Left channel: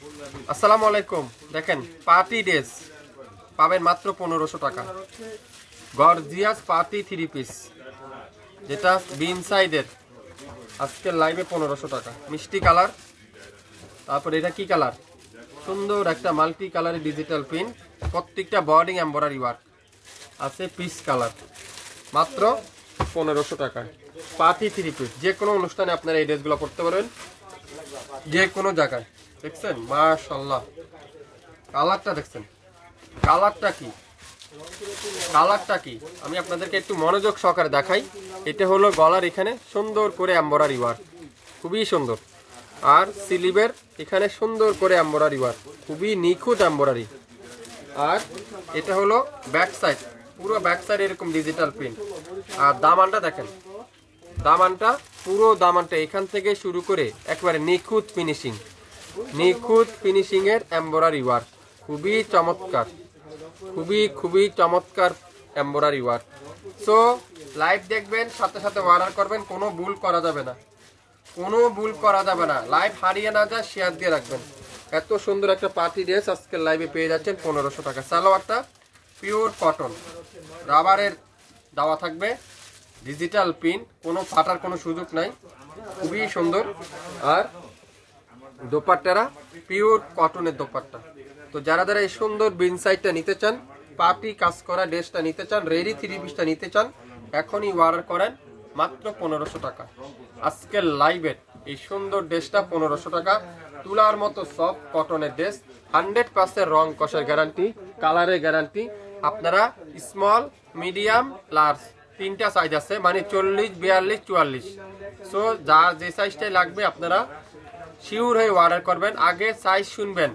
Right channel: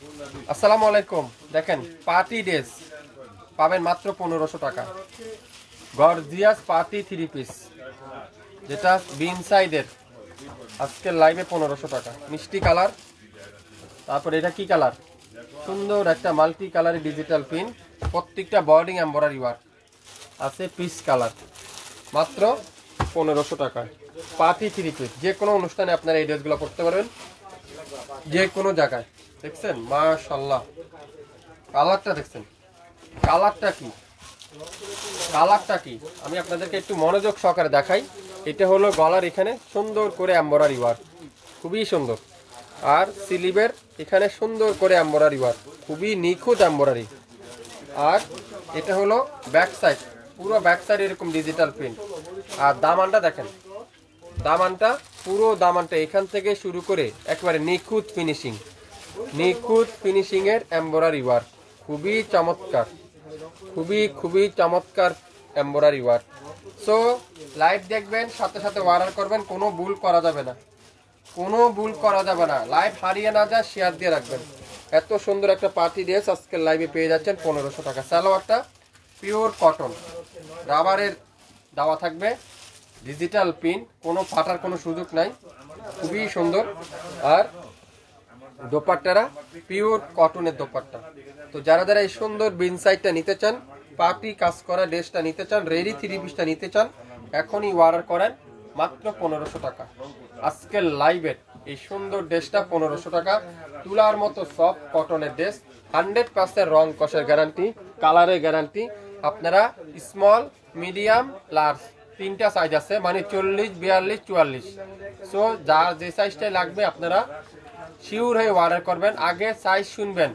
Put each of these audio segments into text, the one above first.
আসসালামু আলাইকুম। দেখেন পার্টি ড্রেস পাবেন মাত্র 1500 টাকা। গর্জিয়াস পার্টি 3 পিস, যেটা বিন সাইডের, আজকের লাইভে 1500 টাকা। মিষ্টি কালার, তারপর এটা কি কালার, সুন্দর একটা মাল্টি কালারের ডিজিটাল প্রিন্ট, প্রত্যেকটা বর্ডিং এমব্রয়ডারি ওয়ার্ক আছে। পিস কালার মাত্র 1500 টাকা। পার্টি 3 পিস, যে কোনো অনুষ্ঠানে আপনারা এই ড্রেসগুলো পরতে পারবেন, যে কোনো জায়গায়। দেখছেন মাশাআল্লাহ, কালারটা দেখছেন, কালারটা কি, কালারটা কি আমি আপনাদেরকে একটু মনোযোগ সহকারে দেখাই। এটা হলো গলার এখানে সুন্দর করে এমব্রয়ডারি ওয়ার্ক, খুবই সুন্দর। আর স্লিভের এখানে সুন্দর করে এমব্রয়ডারি ওয়ার্ক, খুবই নিখুঁত এমব্রয়ডারি। আর এটা হলো ব্যাক সাইড, পুরো ব্যাক সাইড এরকম ডিজিটাল প্রিন্ট। আর দামানটা দেখেন, দামানটা পুরো দামানটা এখান থেকে শুরু করে একবারে নিখুঁত ফিনিশিং, নিখুঁত ফিনিশিং এর এমব্রয়ডারি ওয়ার্ক, খুবই চমৎকার, খুবই চমৎকার এমব্রয়ডারি ওয়ার্ক। সো লাইভ দেখবেন, সাথে সাথে অর্ডার করবেন, কোনো ভুল করা যাবে না, কোনো ভুল করা যাবে না। লাইভ হারিয়ে না যায়, শেয়ার দিয়ে রাখবেন। এত সুন্দর একটা পার্টি ড্রেস আজকের লাইভে পেয়ে যাচ্ছেন 1500 টাকা। সালোয়ারটা পিওর কটন, রাবারের দেওয়া থাকবে, ডিজিটাল প্রিন্ট, কোনো ফাটার কোনো সুযোগ নাই, খুবই সুন্দর। আর দোপাট্টারা পিওর কটনের দোপাট্টা। তো যারা যারা এই সুন্দর বিন সাইডটা নিতে চান, পার্টি কাজ করা ড্রেসটা নিতে চান, রেডি 3 পিসটা নিতে চান, এখনই অর্ডার করেন মাত্র 1500 টাকা। আজকের লাইভের এই সুন্দর ড্রেসটা 1500 টাকা। তুলার মতো সফট কটনের ড্রেস, 100% রং কষের গ্যারান্টি, কালারের গ্যারান্টি। আপনারা স্মল, মিডিয়াম, লার্জ তিনটা সাইজ আছে, মানে 40, 42, 44। সো যার যে সাইজটাই লাগবে আপনারা শিওর হয়ে অর্ডার করবেন। আগে সাইজ শুনবেন,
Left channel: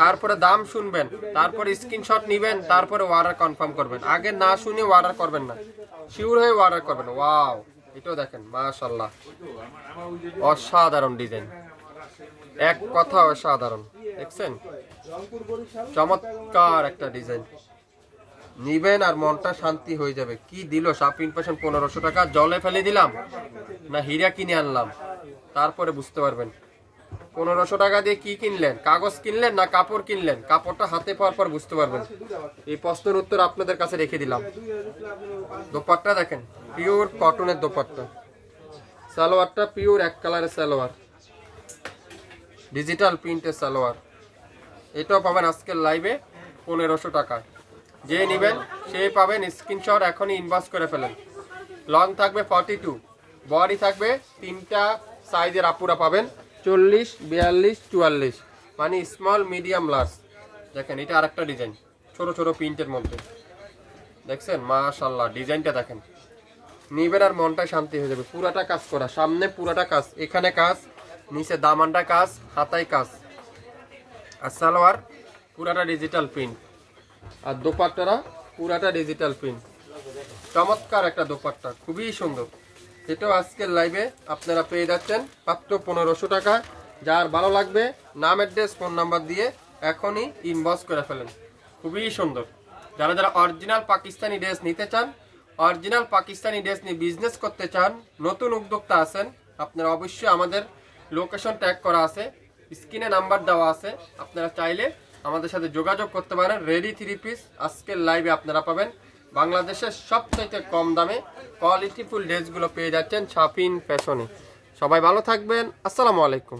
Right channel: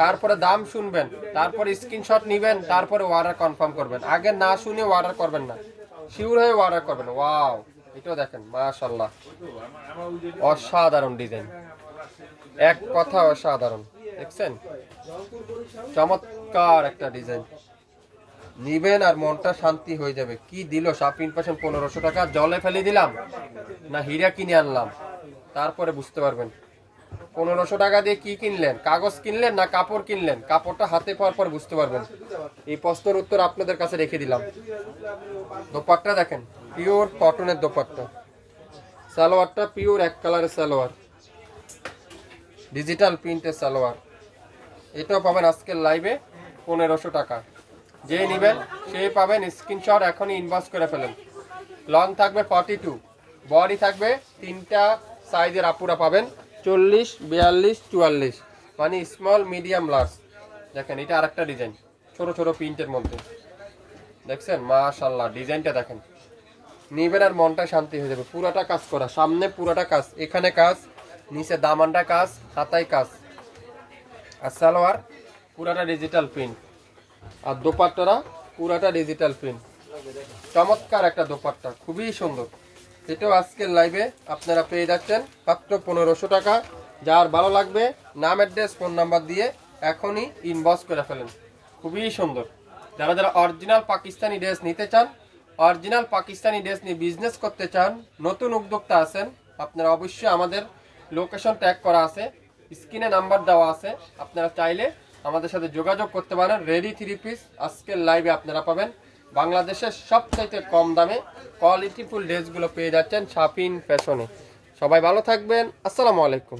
তারপরে দাম শুনবেন, তারপরে স্ক্রিনশট নেবেন, তারপরে অর্ডার কনফার্ম করবেন। আগে না শুনে অর্ডার করবেন না, শিওর হয়ে অর্ডার করবেন। ওয়াও, এটাও দেখেন মাশাআল্লাহ, অসাধারণ ডিজাইন, এক কথা অসাধারণ। দেখছেন চমৎকার একটা ডিজাইন, নিবেন আর মনটা শান্তি হয়ে যাবে। কি দিল শাপিং ফ্যাশন 1500 টাকা, জলে ফেলে দিলাম না হীরা কিনে আনলাম, তারপরে বুঝতে পারবেন 1500 টাকা দিয়ে কি কিনলেন, কাগজ কিনলেন না কাপড় কিনলেন। কাপড়টা হাতে পাওয়ার পর বুঝতে পারবেন। এই প্রশ্নের উত্তর আপনাদের কাছে রেখে দিলাম। দোপাট্টা দেখেন, পিওর কটনের দোপাট্টা। সালোয়ারটা পিওর এক কালারের সালোয়ার, ডিজিটাল প্রিন্টের সালোয়ার। এটাও পাবেন আজকের লাইভে 1500 টাকায়। যে নেবেন সে পাবেন, স্ক্রিনশট এখনই ইনবক্স করে ফেলেন। লং থাকবে 42, বডি থাকবে তিনটা সাইজের আপুরা পাবেন, 40, 42, 44, মানে স্মল, মিডিয়াম, লার্জ। দেখেন এটা আরেকটা ডিজাইন, ছোট ছোট প্রিন্টের মধ্যে। দেখছেন মাশাআল্লাহ, ডিজাইনটা দেখেন, নিবেন আর মনটাই শান্তি হয়ে যাবে। পুরাটা কাজ করা, সামনে পুরাটা কাজ, এখানে কাজ, নিচে দামানটা কাজ, হাতায় কাজ। আর সালোয়ার পুরাটা ডিজিটাল প্রিন্ট, আর দোপাট্টারা পুরাটা ডিজিটাল প্রিন্ট। চমৎকার একটা দোপাট্টা, খুবই সুন্দর। এটাও আজকের লাইভে আপনারা পেয়ে যাচ্ছেন মাত্র 1500 টাকা। যার ভালো লাগবে নাম, অ্যাড্রেস, ফোন নাম্বার দিয়ে এখনই ইনবক্স করে ফেলেন। খুবই সুন্দর। যারা যারা অরিজিনাল পাকিস্তানি ড্রেস নিতে চান, অরিজিনাল পাকিস্তানি ড্রেস নিয়ে বিজনেস করতে চান, নতুন উদ্যোক্তা আছেন, আপনারা অবশ্যই আমাদের লোকেশন ট্যাগ করা আছে, স্ক্রিনে নাম্বার দেওয়া আছে, আপনারা চাইলে আমাদের সাথে যোগাযোগ করতে পারেন। রেডি 3 পিস আজকের লাইভে আপনারা পাবেন বাংলাদেশের সবচাইতে কম দামে। কোয়ালিটিফুল ড্রেসগুলো পেয়ে যাচ্ছেন শাপিং ফ্যাশনে। সবাই ভালো থাকবেন, আসসালামু আলাইকুম।